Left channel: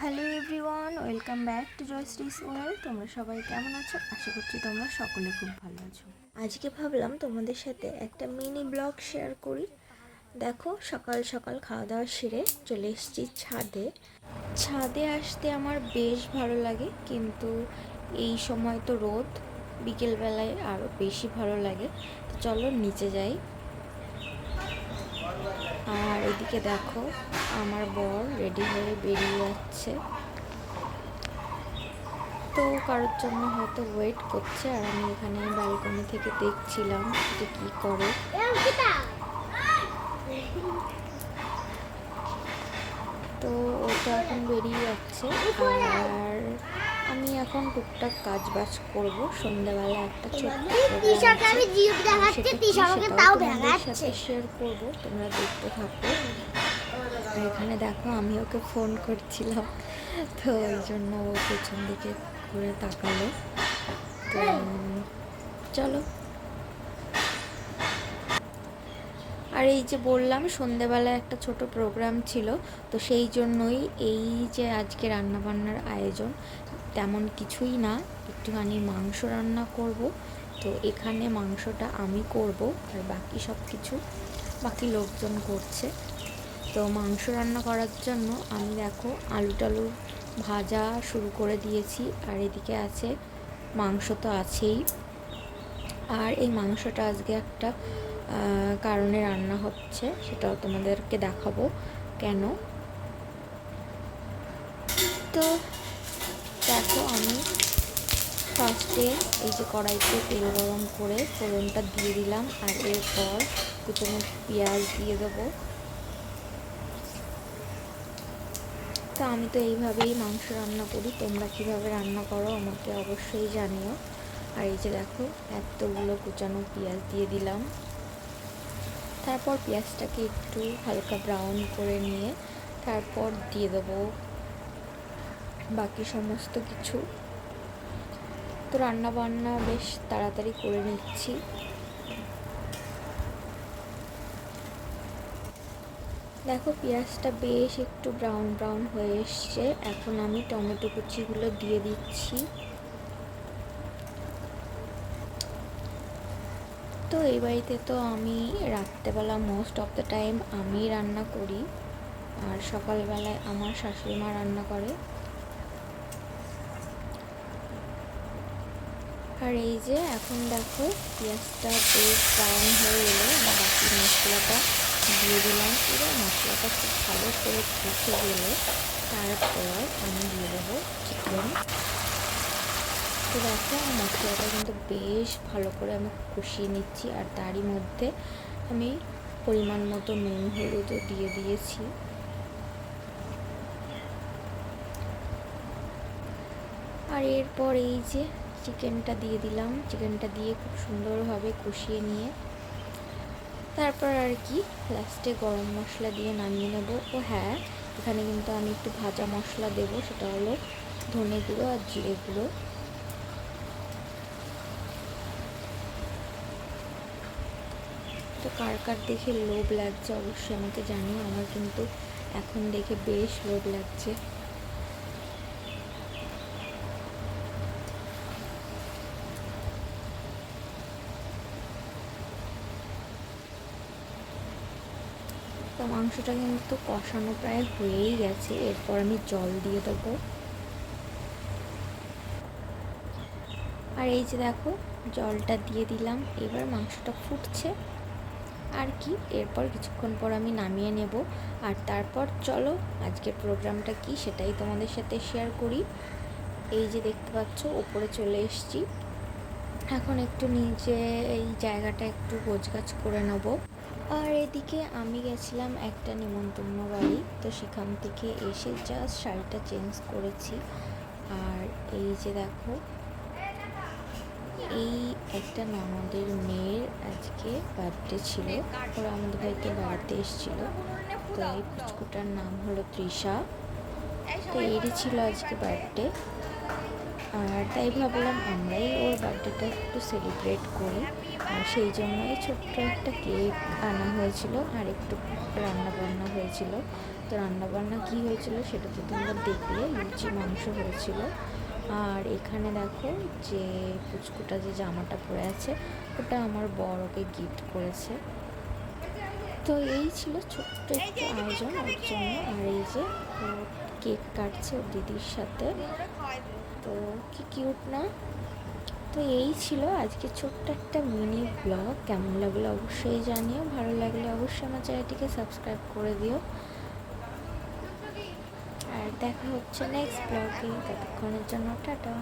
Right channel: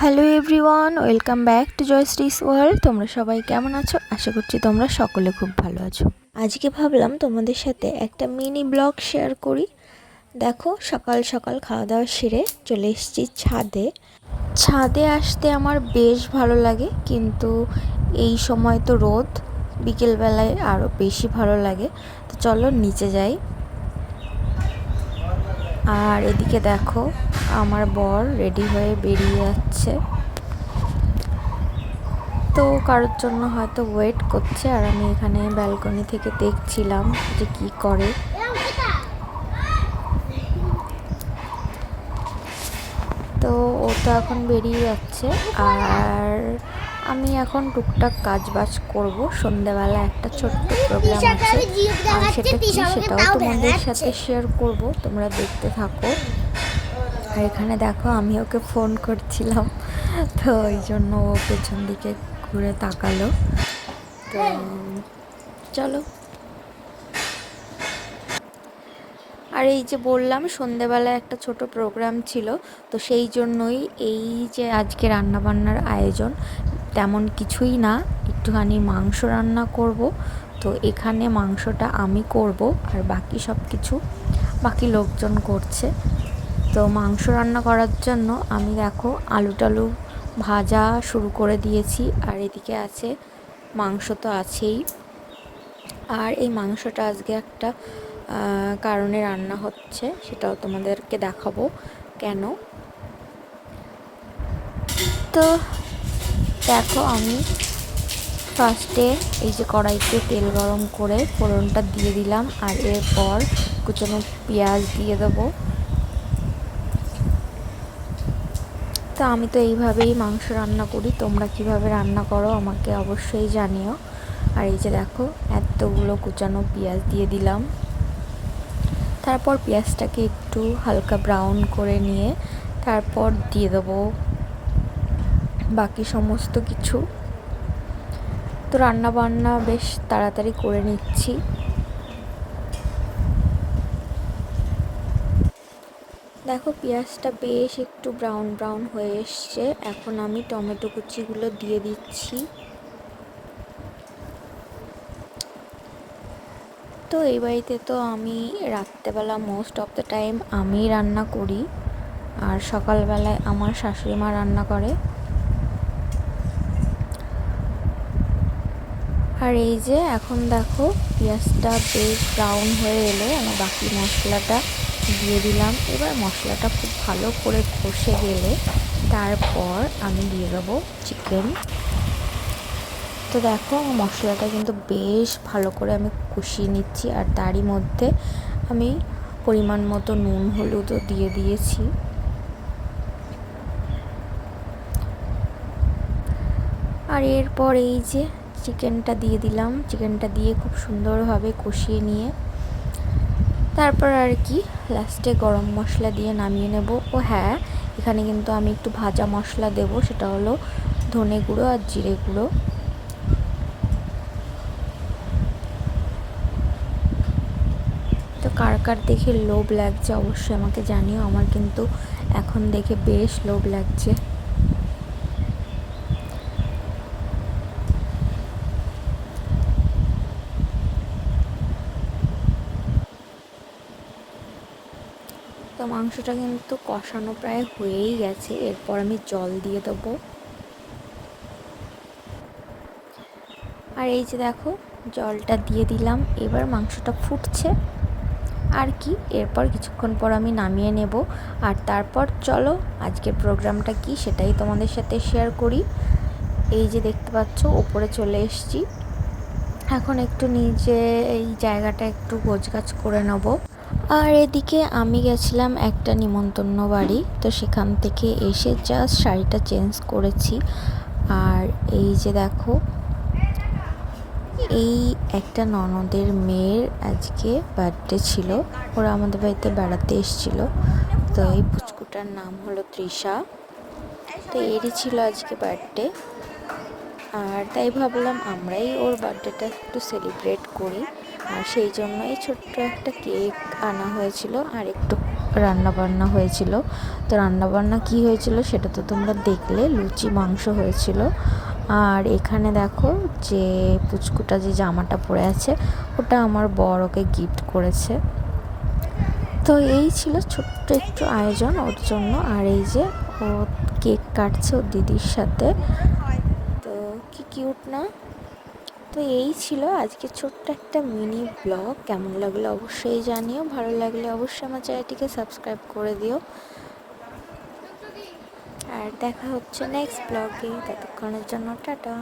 Hello everyone, welcome back to Joyshree's world. তোমরা সবাই কেমন আছো? আশা করছি তোমরা সকলে খুব ভালো আছো। আজকে ভাবলাম তোমাদের সাথে একটা মিনি ব্লগ শেয়ার করি। দেখো, সকাল সকাল খাওয়া দাওয়া সেরে চলে এসেছি ছাদে। ছাদে আসতে আমার বেশ ভালো লাগে, কিন্তু এই সময় তো রোদ, বিকেলবেলায় আরও বেশি ভালো লাগে। তো চলো নিচে যাই। আর এদিকে দেখো, আমার বর রেডি হয়ে বেরিয়ে যাচ্ছে। তো কারোর জন্য হয়তো ওয়েট করছে, আর আমি এখানে ব্যালকনি থেকে দেখছিলাম যে কি করে। তো ও তো এখন বেরিয়ে যাচ্ছে, আর আমি এখন টুকটাক কাজ বাজ করবো। সন্ধ্যাবেলা একটা ছোট্ট প্রোগ্রাম আছে, আর সেটাও তোমাদের সাথে শেয়ার করব, তোমরা দেখতে থাকো। আর এখানে দেখো, আমি ওকে ফোন করছিলাম, তো ওই জন্য ও পেছন দিকে ঘুরে তাকালো। তো চলো। আর এই যে বললাম, সন্ধেবেলায় একটা ছোট প্রোগ্রাম ছিল, তো সেই জন্যই এই যে আজকে রান্নাবান্নার আয়োজন তেমন কিছুই না, একটুখানি মাংস রান্না করব। তো এখানে মাংসটা আমি করব, আর বাকি সব কিছু বাকি লোকজন করছে। তো মাংস রান্না করার জন্য আমি দেখো আলু টালু ভাজা শুরু করে দিয়েছি, আর এদিকে আছে মাংস তো আছেই। আর এই মাংসটা আজকে একটা কারণে রান্না হচ্ছে, সেটাও তোমাদেরকে দেখাবো কেন। তো দেখো, আমি ফার্স্টে এই যে কড়াইতে তেল গরম করে ফোড়নটা দিয়ে দিলাম, আর এরপর কুচানো পেঁয়াজ দিয়ে দেবো। তো আমি তো এইভাবেই মাংস রান্না করি, তোমরা কিভাবে রান্না করো আমাকে অবশ্যই জানিও। আর এই যে দেখো, এতগুলো কুচানো পেঁয়াজ দিয়ে দিলাম। তারপর পেঁয়াজটাকে একটু হালকা ব্রাউন করে নিয়ে তারপর দিয়ে দেবো বাকি সমস্ত কিছু। তো রান্না বান্না বেশ তাড়াতাড়ি করে নিচ্ছি। দেখো, পেঁয়াজটা বেশ একটু ব্রাউন ব্রাউন হয়ে এসছে। এখন আমি টমেটো কুচিগুলো দিয়ে দিচ্ছি। তো এই বাড়িতে তো আমি রাত্রেবেলা মোস্ট অফ দ্য টাইম আমি রান্না করি, আর সকালবেলায় আমার শাশুড়ি মা রান্না করে। আর এই যে এখন দেখো, পেঁয়াজটা বেশ ব্রাউন হয়ে এলে আমি বাকি মশলাটা দিয়ে দিলাম। এবার মশলাটা খুব ভালো করে কষে গেলে তারপর আমি দিয়ে দেবো চিকেন। তো দেখো, মশলাটা কিন্তু বেশ ভালো করে আমি কষিয়ে নিচ্ছি, আর তারই মধ্যে আমি পরিমাণ মতো নুন হলুদও দিয়ে দিয়েছি। আর এরপর এই যে চিকেনটা দিয়ে দিলাম, চিকেনটা দিয়ে খুব সুন্দরভাবে কষিয়ে নিয়ে তারপর আর কি লাস্টে গরম মশলা দিয়ে নামিয়ে নেব। ও হ্যাঁ, এখানে কিন্তু আমি একটু ভাজা মশলা দেব, সেটা হলো ধনে গুঁড়ো আর জিরে গুঁড়ো। তো কার কার দেখে লোভ লাগছে অবশ্যই আমাকে জানিও, আমার কিন্তু এখন দেখে বেশ লোভ লাগছে। তো মাংসটা কিন্তু কষানো প্রায় হয়েই গেছে, এরপর আমি জল দিয়ে দেবো। আর এই যে দেখো, জলটা দিয়ে দিলাম, এবার মাংসটা ফুটছে আর কি। এরপর কিছুক্ষণ পর আমি নামিয়ে নেব, আর তারপর চলো আজকের প্রোগ্রামটা কি সেটাই তোমাদের সাথে শেয়ার করি। এই যে দেখতে পাচ্ছ, ওপরে চলে এসেছি, এখন একটু নিচে এই জায়গাটা একটু গোছগাছ করে নেব। আর এদিকে আমি গেছিলাম একটা নিমন্ত্রণ বাড়ি, তো সেখান থেকে এসে জাস্ট শাড়িটা চেঞ্জ করেছি। আর এই যে দেখো, এই একটা ননদের মেয়ের আজকে বার্থডে ছিল, ওরা আমাদের বাড়িতে বেড়াতে এসেছিলো। তো এই পুচকুটার নাম হলো তৃষা। তো এরই ছিল আজকে বার্থডে, আর তাই ভাবলাম আমরাই ওর বার্থডেটা একটু সেলিব্রেট করি। আর সেই জন্যই ছোট্ট একটা কেক আনা হয়েছিল, আর একটু রান্নাবান্না হয়েছিল। তো রান্নাবান্না কি হয়েছিল সেটা তো তোমরা দেখলে, লুচি মাংস হয়েছিল। আর এখানে দেখো যে পুচকুটা যে জামাটা পরে আছে ওটা আমার বর ওকে গিফট করেছে। তো এই ছিল ছোট্ট একটু আয়োজন ওর জন্য। আর এই যে ও কেক কাটছে ওর দিদির সাথে, তো কি কিউট না। তো এই ছিল আজকে ছোট্ট একটা মিনি ব্লগ। কেমন লাগলো অবশ্যই জানিও, ভালো লাগলে অবশ্যই আমার চ্যানেলটিকে সাবস্ক্রাইব করে দিও। আর দেখা হচ্ছে নেক্সট ব্লগে, ততক্ষণের জন্য টাটা।